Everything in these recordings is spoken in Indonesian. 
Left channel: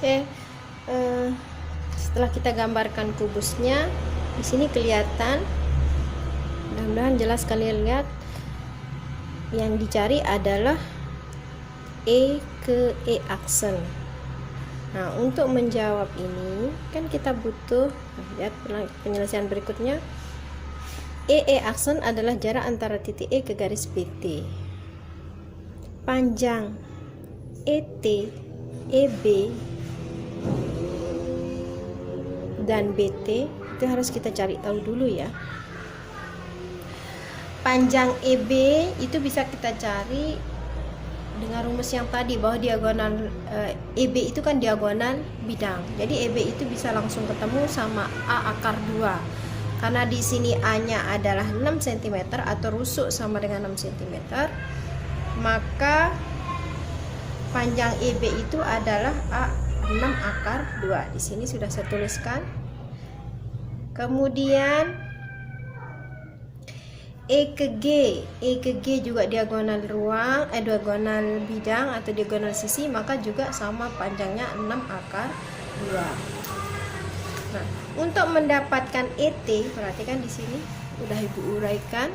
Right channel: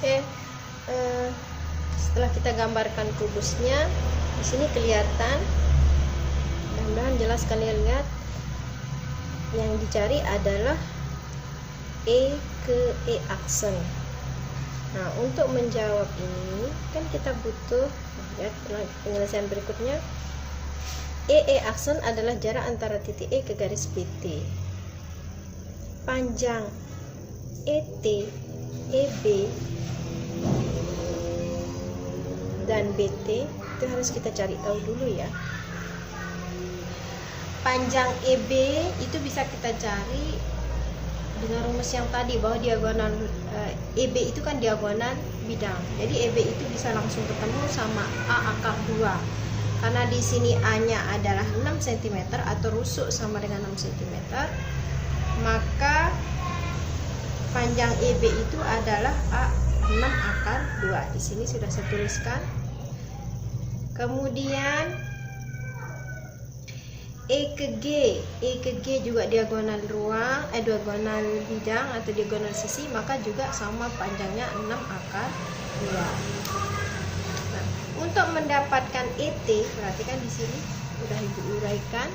Oke, setelah kita gambarkan kubusnya, di sini kelihatan. Mudah-mudahan jelas kalian lihat. Yang dicari adalah E ke E aksen. Nah, untuk menjawab ini kan kita butuh, lihat penyelesaian berikutnya. E aksen adalah jarak antara titik E ke garis BT. Panjang ET, EB dan BT itu harus kita cari tahu dulu ya. Panjang EB itu bisa kita cari dengan rumus yang tadi, bahwa diagonal EB itu kan diagonal bidang. Jadi EB itu bisa langsung ketemu sama A akar 2. Karena di sini A-nya adalah 6 cm atau rusuk sama dengan 6 cm, maka panjang EB itu adalah A6 akar 2. Di sini sudah saya tuliskan. Kemudian E ke G juga diagonal ruang, diagonal bidang atau diagonal sisi, maka juga sama panjangnya 6 akar 2. Nah, untuk mendapatkan ET, perhatikan di sini udah Ibu uraikan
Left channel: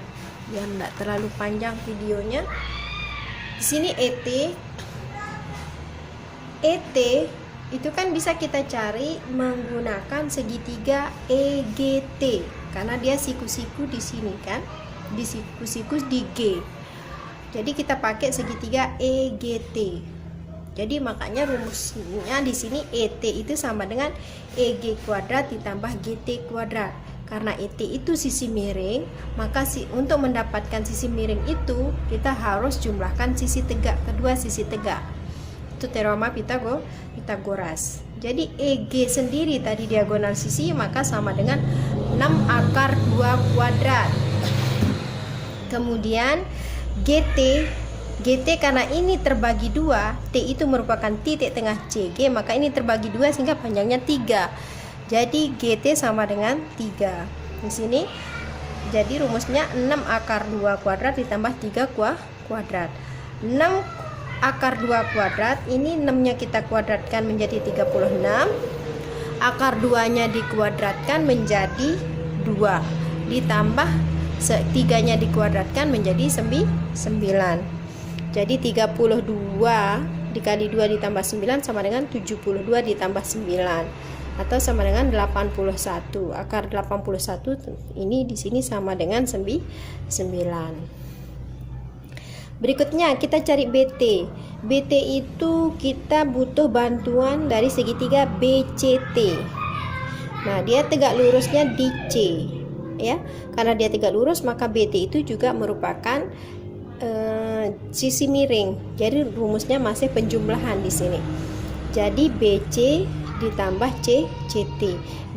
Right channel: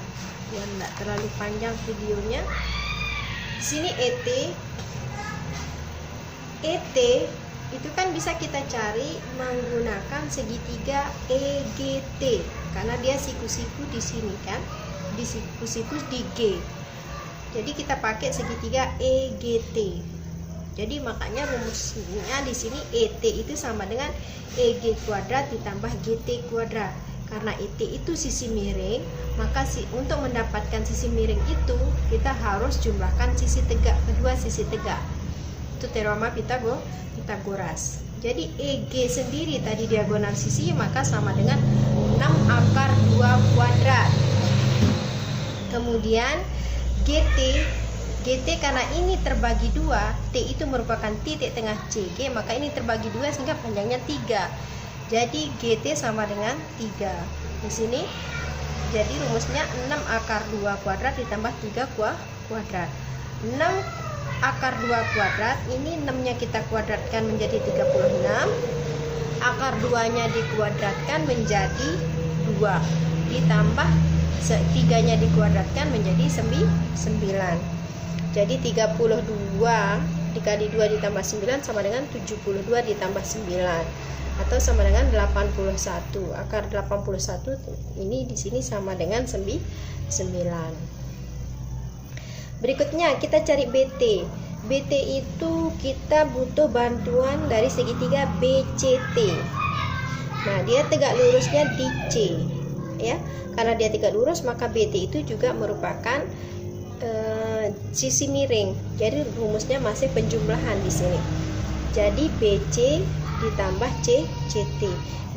biar enggak terlalu panjang videonya. Di sini ET itu kan bisa kita cari menggunakan segitiga EGT, karena dia siku-siku di sini kan, di siku-siku di G. Jadi kita pakai segitiga EGT. Jadi makanya rumusnya di sini ET itu sama dengan EG kuadrat ditambah GT kuadrat. Karena ET itu sisi miring, maka untuk mendapatkan sisi miring itu kita harus jumlahkan sisi tegak, kedua sisi tegak. Itu teorema Pitagoras. Jadi EG sendiri tadi diagonal sisi, maka sama dengan 6 akar 2 kuadrat. Kemudian GT karena ini terbagi 2, T itu merupakan titik tengah CG, maka ini terbagi 2 sehingga panjangnya 3. Jadi GT sama dengan 3. Di sini jadi rumusnya 6 akar 2 kuadrat ditambah 3 kuadrat. 6 akar 2 kuadrat, ini 6-nya kita kuadratkan menjadi 36. Akar 2-nya dikuadratkan menjadi 2. Ditambah 3-nya dikuadratkan menjadi 9. Jadi 32 dikali 2 ditambah 9 sama dengan 72 ditambah 9 atau sama dengan 81. Akar 81 ini di sini sama dengan 9. Berikutnya kita cari BT. BT itu kita butuh bantuan dari segitiga BCT. Nah, dia tegak lurusnya di C, ya. Karena dia tegak lurus, maka BT itu juga merupakan sisi miring. Jadi rumusnya masih penjumlahan di sini. Jadi BC ditambah CT.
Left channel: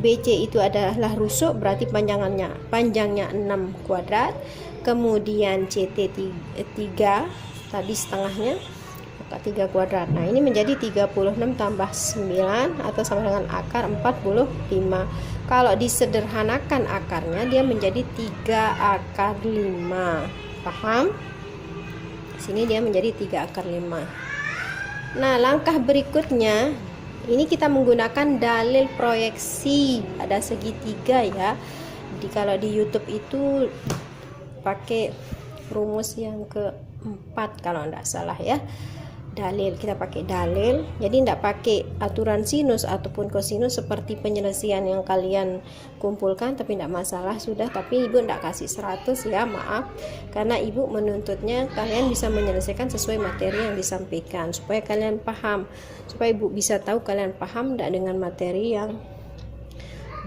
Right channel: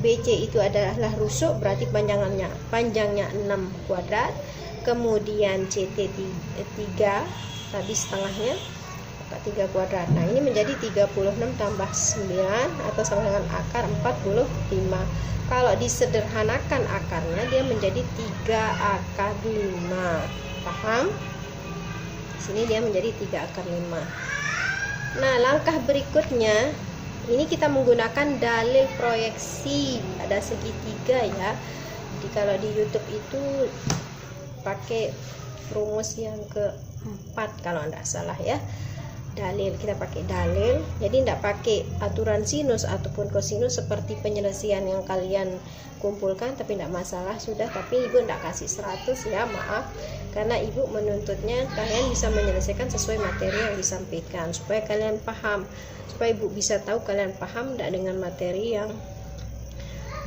BC itu adalah rusuk, berarti panjangnya 6 kuadrat. Kemudian CT 3 tadi setengahnya, maka 3 kuadrat. Nah, ini menjadi 36 tambah 9 atau sama dengan akar 45. Kalau disederhanakan akarnya, dia menjadi 3 akar 5. Paham? Sini dia menjadi 3 akar 5. Nah, langkah berikutnya ini kita menggunakan dalil proyeksi pada segitiga ya. Jadi kalau di YouTube itu pakai rumus yang keempat kalau tidak salah ya. Dalil, kita pakai dalil, jadi tidak pakai aturan sinus ataupun kosinus seperti penyelesaian yang kalian kumpulkan, tapi tidak masalah sudah. Tapi ibu tidak kasih 100 ya, maaf, karena ibu menuntutnya kalian bisa menyelesaikan sesuai materi yang disampaikan supaya kalian paham, supaya ibu bisa tahu kalian paham tidak dengan materi yang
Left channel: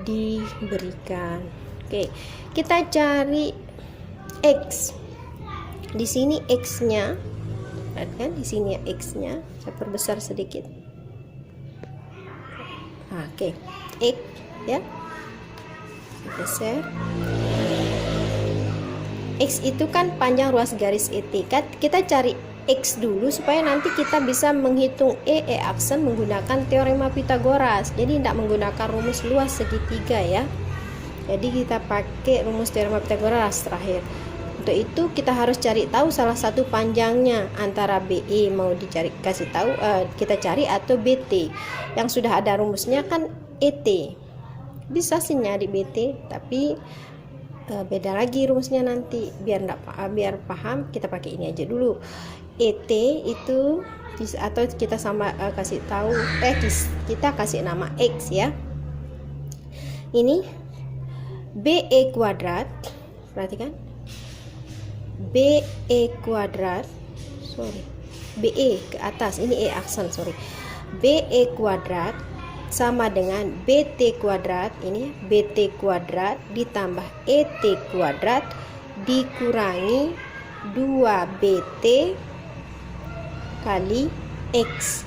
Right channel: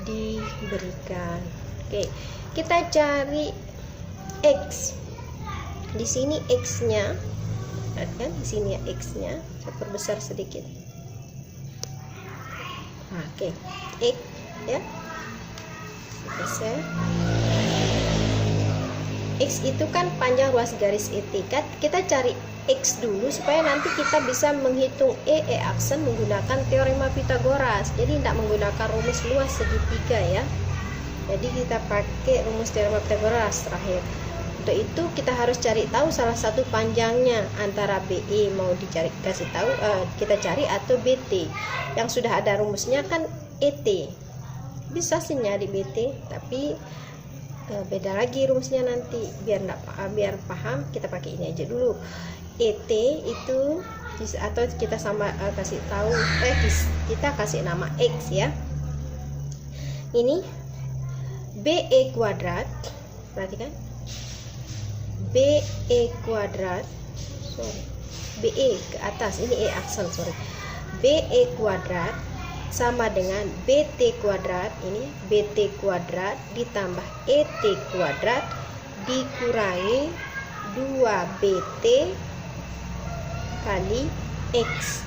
diberikan. Oke, kita cari X. Di sini X-nya, kan di sini X-nya, saya perbesar sedikit. Oke, X ya. Geser. X itu kan panjang ruas garis ET. Kita cari X dulu supaya nanti kita bisa menghitung E aksen menggunakan teorema Pitagoras. Jadi tidak menggunakan rumus luas segitiga ya. Jadi kita pakai rumus teorema Pitagoras terakhir. Untuk itu kita harus cari tahu salah satu panjangnya, antara BE mau kasih tahu kita cari, atau BT. Yang sudah ada rumusnya kan ET. Bisa sih nyari BT, tapi beda lagi rumusnya nanti. Biar paham, kita pakai ini aja dulu. ET itu atau kita sama kasih tahu kita kasih nama X ya. Ini BE kuadrat, perhatikan. BE kuadrat, BE ke atas, ini E aksen, BE kuadrat sama dengan BT kuadrat, ini BT kuadrat ditambah ET kuadrat dikurangi 2BT kali X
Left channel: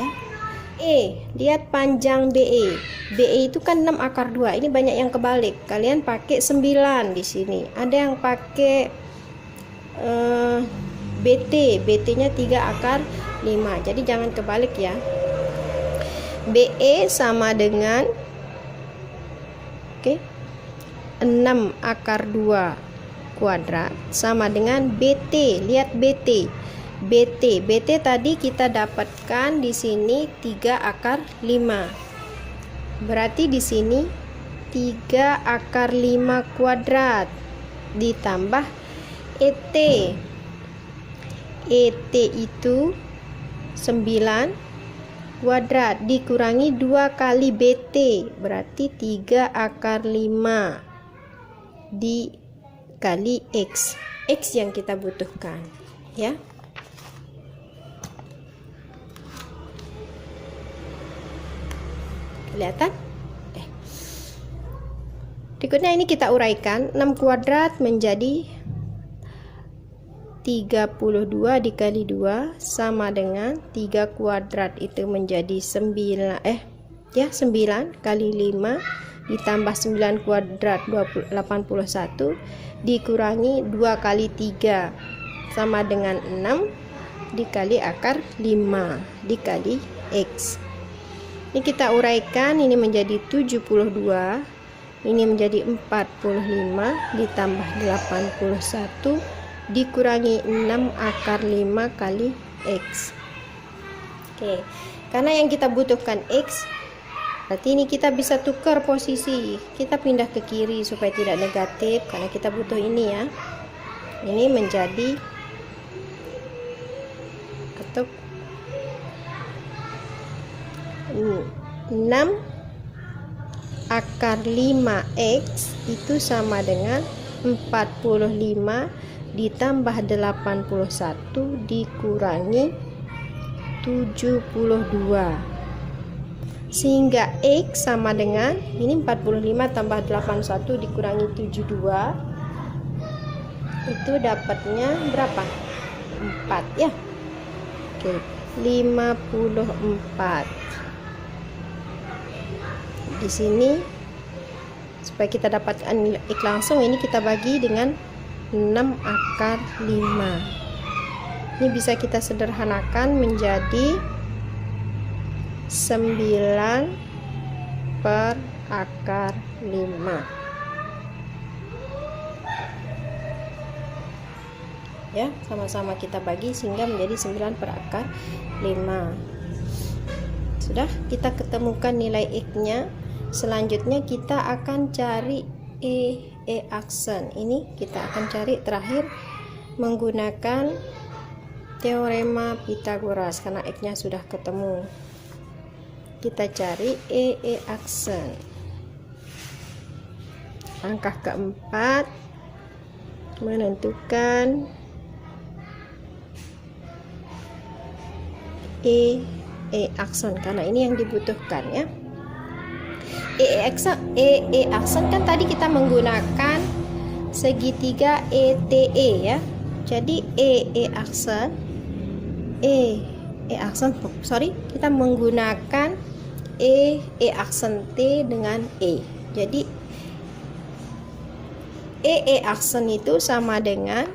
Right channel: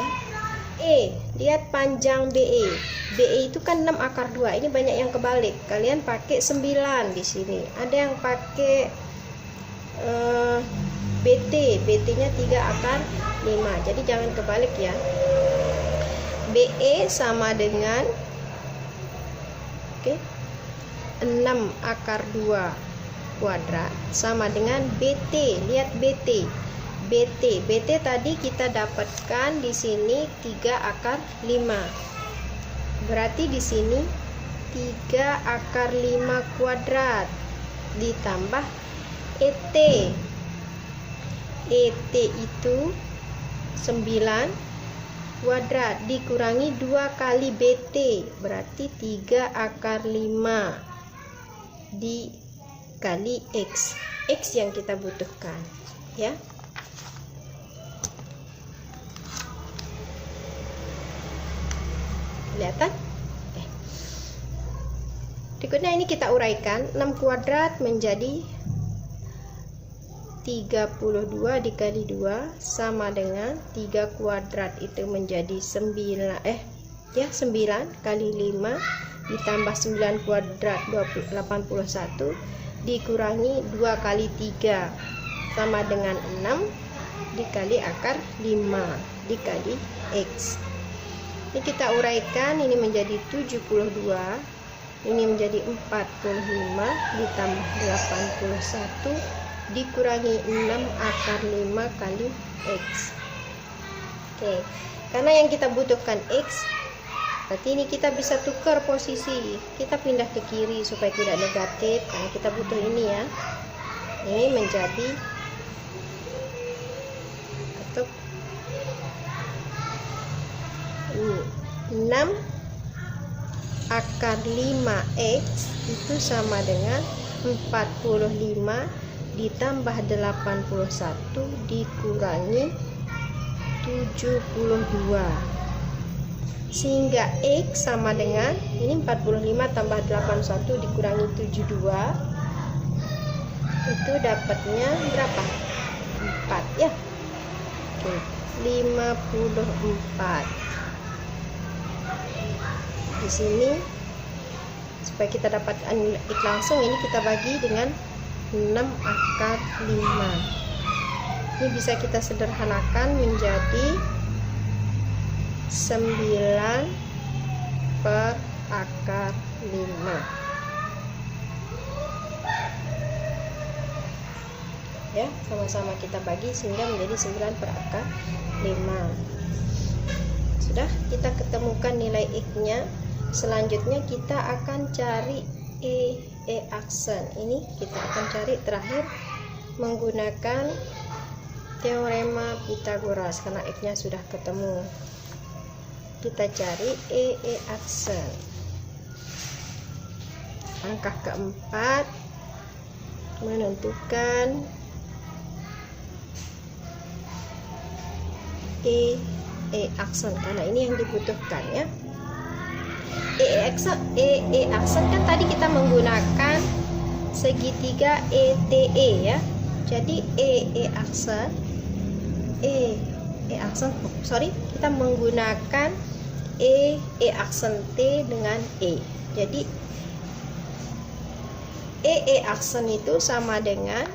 ya. Lihat panjang BE. BE itu kan 6 akar 2. Ini banyak yang kebalik. Kalian pakai 9 di sini. Ada yang pakai BT-nya 3 akar 5. Jadi jangan kebalik ya. BE sama dengan 6 akar 2 kuadrat sama dengan BT. Lihat BT. BT tadi kita dapatkan di sini 3 akar 5. Berarti di sini 3 akar 5 kuadrat ditambah ET. ET itu 9 kuadrat dikurangi 2 kali BT, berarti 3 akar 5 dikali X. X yang kita butuhkan ya. Kelihatan? Berikutnya ini kita uraikan. 6 kuadrat menjadi 32 dikali 2 sama dengan 3 kuadrat itu menjadi 9 kali 5 ditambah 9 kuadrat 81 dikurangi 2 kali 3 sama dengan 6 dikali akar 5 dikali X. Ini kita uraikan, ini menjadi 72, ini menjadi 45 ditambah 81 dikurangi 6 akar 5 kali X. Oke, karena yang kita butuhkan X, berarti ini kita bisa tukar posisi. Kita pindah ke kiri supaya tidak negatif, karena kita butuh ini ya. Ini menjadi 6 akar 5X itu sama dengan 45 ditambah 81 dikurangi 72, sehingga X sama dengan ini 45 tambah 81 dikurangi 72, itu dapatnya berapa? 4 ya. Oke, 54. Di sini supaya kita dapatkan X langsung, ini kita bagi dengan 6 akar 5. Ini bisa kita sederhanakan menjadi 9 per akar 5 ya, sama-sama kita bagi sehingga menjadi 9 per akar 5. Sudah kita ketemukan nilai X nya. Selanjutnya kita akan cari E aksen. Ini kita akan cari terakhir menggunakan teorema Pythagoras karena X nya sudah ketemu. Kita cari E aksen. Langkah keempat, menentukan E aksen karena ini yang dibutuhkan ya. E aksen kan tadi kita menggunakan segitiga ETE ya. Jadi kita menggunakan E aksen T dengan E. Jadi E aksen itu sama dengan,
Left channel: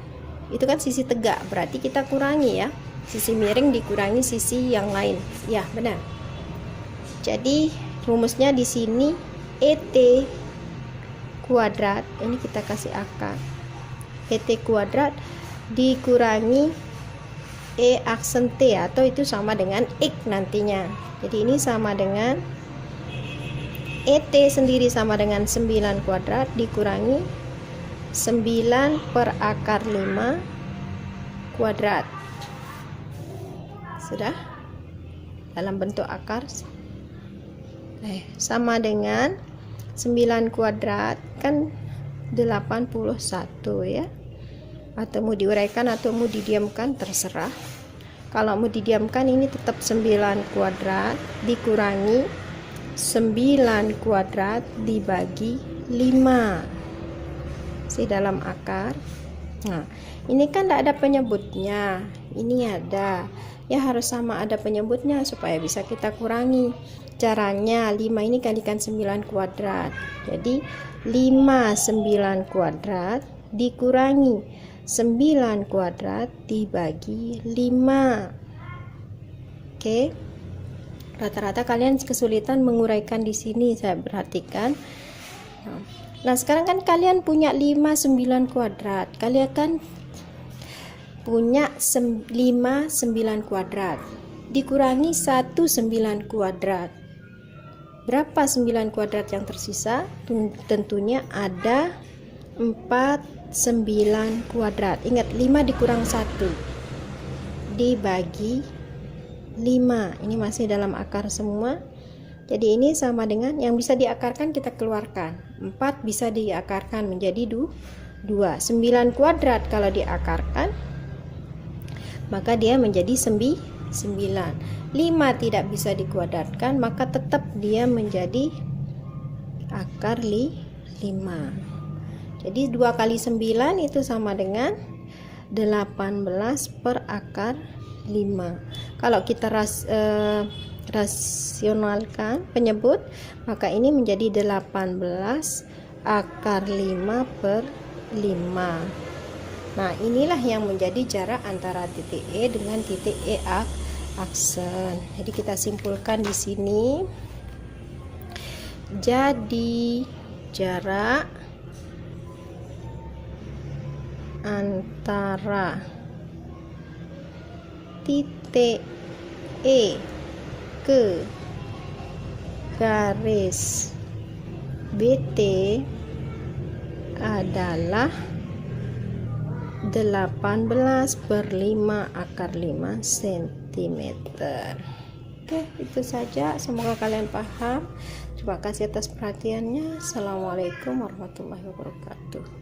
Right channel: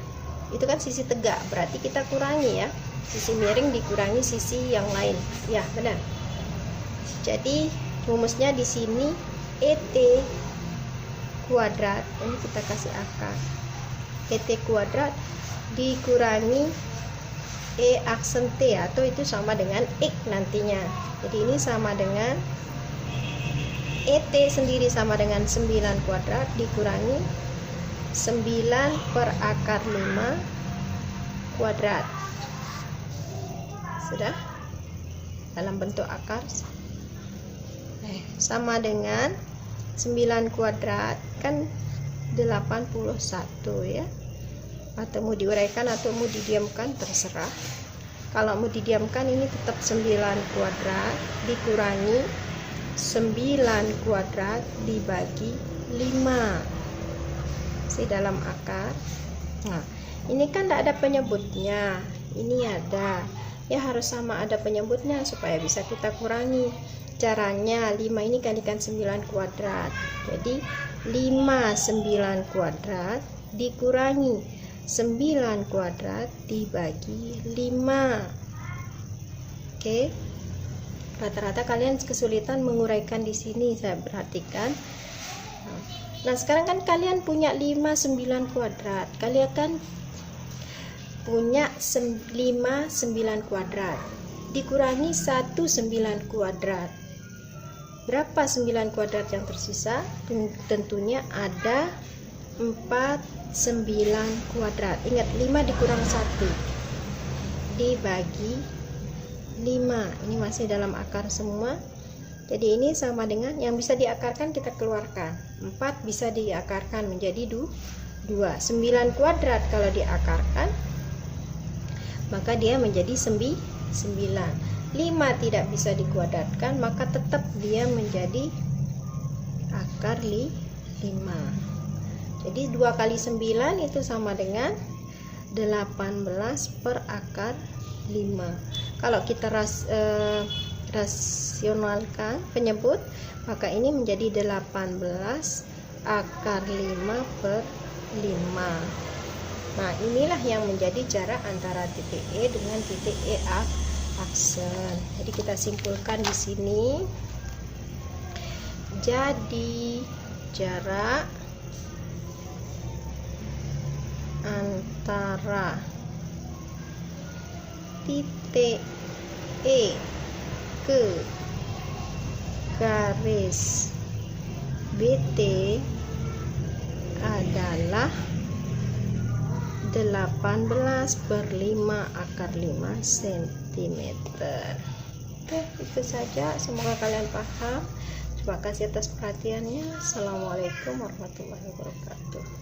itu kan sisi tegak, berarti kita kurangi ya. Sisi miring dikurangi sisi yang lain. Ya, benar. Jadi rumusnya di sini ET kuadrat, ini kita kasih akar, ET kuadrat dikurangi E aksen T, atau itu sama dengan X nantinya. Jadi ini sama dengan ET sendiri sama dengan 9 kuadrat dikurangi 9 per akar 5 kuadrat. Sudah dalam bentuk akar. Sama dengan 9 kuadrat kan 81 ya. Atau mau diuraikan atau mau didiamkan terserah. Kalau mau didiamkan ini tetap 9 kuadrat dikurangi 9 kuadrat dibagi 5 dalam akar. Nah, ini kan tidak ada penyebutnya, ini ada ya, harus sama ada penyebutnya supaya bisa kita kurangi. Caranya 5 ini kalikan 9 kuadrat, jadi 5 9 kuadrat dikurangi 9 kuadrat dibagi 5. Oke. Rata-rata kalian kesulitan menguraikan di sini, saya perhatikan. Nah, sekarang kan kalian punya 5 9 kuadrat. Kalian kan punya 5 9 kuadrat dikurangi 1 9 kuadrat. Berapa 9 kuadrat yang tersisa? Tentunya ada 4 9 kuadrat. Ingat, 5 dikurang 1 dibagi 5. Ini masih dalam akar semua. Jadi ini sama dengan yang bisa diakarkan kita keluarkan. 4 bisa diakarkan menjadi 2. 9 kuadrat kalau diakarkan maka dia menjadi 9. 5 tidak bisa dikuadratkan maka tetap dia menjadi akar 5. Jadi 2 kali 9 itu sama dengan 18 per akar 5. Kalau kita rasionalkan penyebut, maka ini menjadi 18 akar 5 per 5. Nah, inilah yang menjadi jarak antara titik E dengan titik E aksen. Jadi kita simpulkan di sini. Jadi jarak antara titik E ke garis BT adalah 18 per 5 akar 5 cm. Oke, itu saja. Semoga kalian paham. Terima kasih atas perhatiannya. Assalamualaikum warahmatullahi wabarakatuh.